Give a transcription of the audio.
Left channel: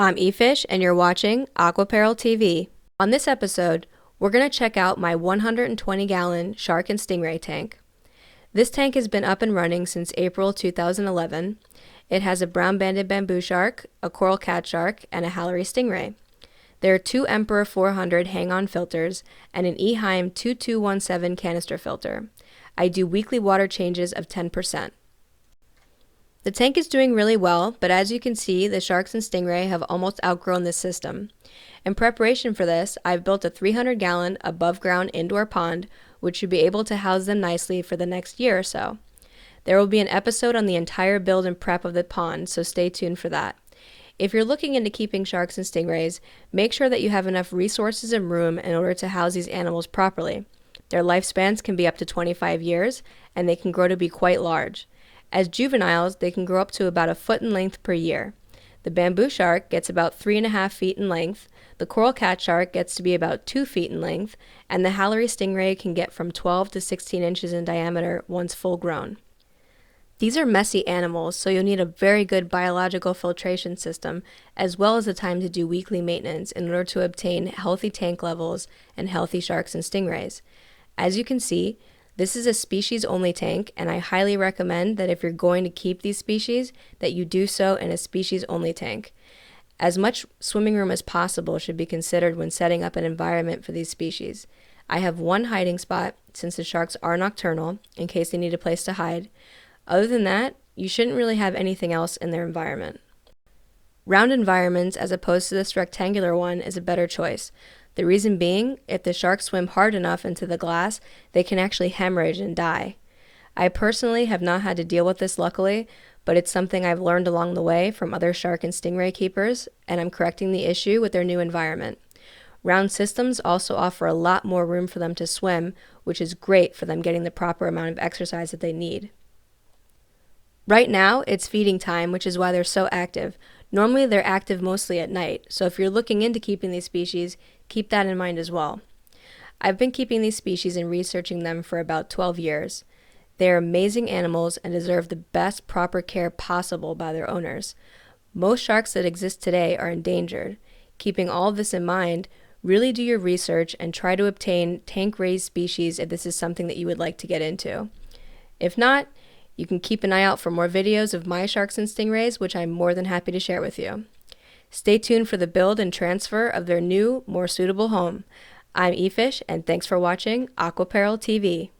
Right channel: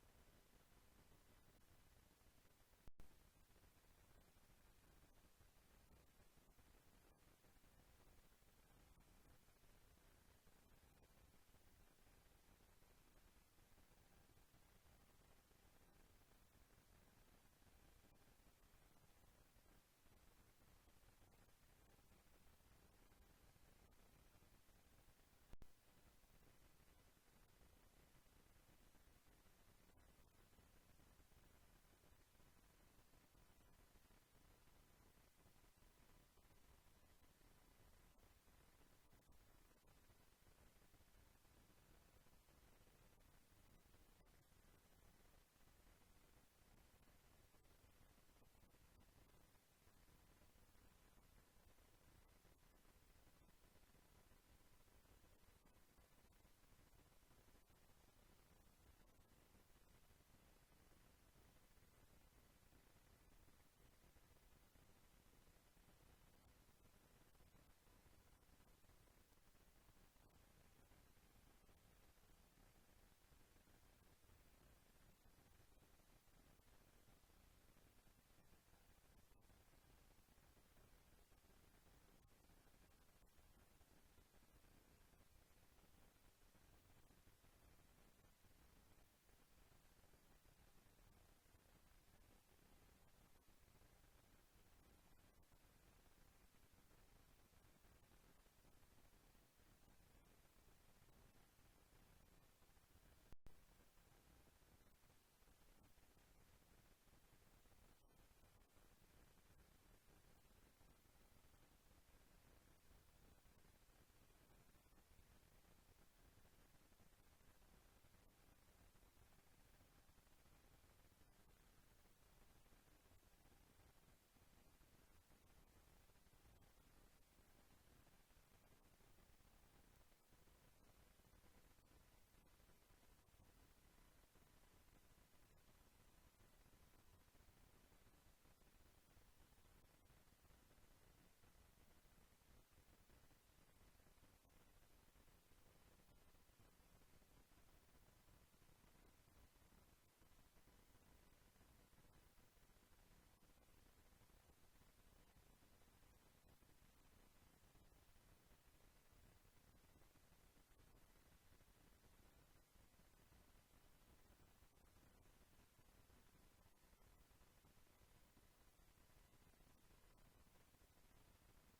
I'm eFish, and you're watching Aquaperil TV. On this episode, we're going to check out my 120-gallon shark and stingray tank. This tank has been up and running since April 2011. It has a brown-banded bamboo shark, a coral cat shark, and a Hallery stingray. There are two Emperor 400 hang-on filters and an Eheim 2217 canister filter. I do weekly water changes of 10%. The tank is doing really well, but as you can see, the sharks and stingray have almost outgrown this system. In preparation for this, I've built a 300-gallon above-ground indoor pond, which should be able to house them nicely for the next year or so. There will be an episode on the entire build and prep of the pond, so stay tuned for that. If you're looking into keeping sharks and stingrays, make sure that you have enough resources and room in order to house these animals properly. Their lifespans can be up to 25 years, and they can grow to be quite large. As juveniles, they can grow up to about a foot in length per year. The bamboo shark gets about 3.5 feet in length, the coral cat shark gets to be about 2 feet in length, and the Hallery stingray can get from 12 to 16 inches in diameter once full grown. These are messy animals, so you'll need a very good biological filtration system, as well as the time to do weekly maintenance in order to obtain healthy tank levels and healthy sharks and stingrays. As you can see, this is a species-only tank, and I highly recommend that if you're going to keep these species, that you do so in a species-only tank. As much swimming room as possible should be considered when setting up an environment for these species. I have one hiding spot, since the sharks are nocturnal, in case they need a place to hide. Other than that, you shouldn't really have anything else in their environment. Round environments, as opposed to this rectangular one, is a better choice. The reason being, if the sharks swim hard enough into the glass, they can actually hemorrhage and die. I personally have not had to deal with this luckily, but it's something I've learned along the way from other shark and stingray keepers, and I'm correcting the issue with their new environment. Round systems also offer a lot more room for them to swim, which is great for them getting the proper amount of exercise that they need. Right now, it's feeding time, which is why they're so active. Normally, they're active mostly at night, so if you're looking into keeping these species, keep that in mind as well. I've been keeping these species and researching them for about 12 years. They are amazing animals and deserve the best proper care possible by their owners. Most sharks that exist today are endangered. Keeping all of this in mind, really do your research and try to obtain tank-raised species if this is something that you would like to get into. If not, you can keep an eye out for more videos of my sharks and stingrays, which I'm more than happy to share with you. Stay tuned for the build and transfer of their new, more suitable home. I'm eFish, and thanks for watching Aquaperil TV.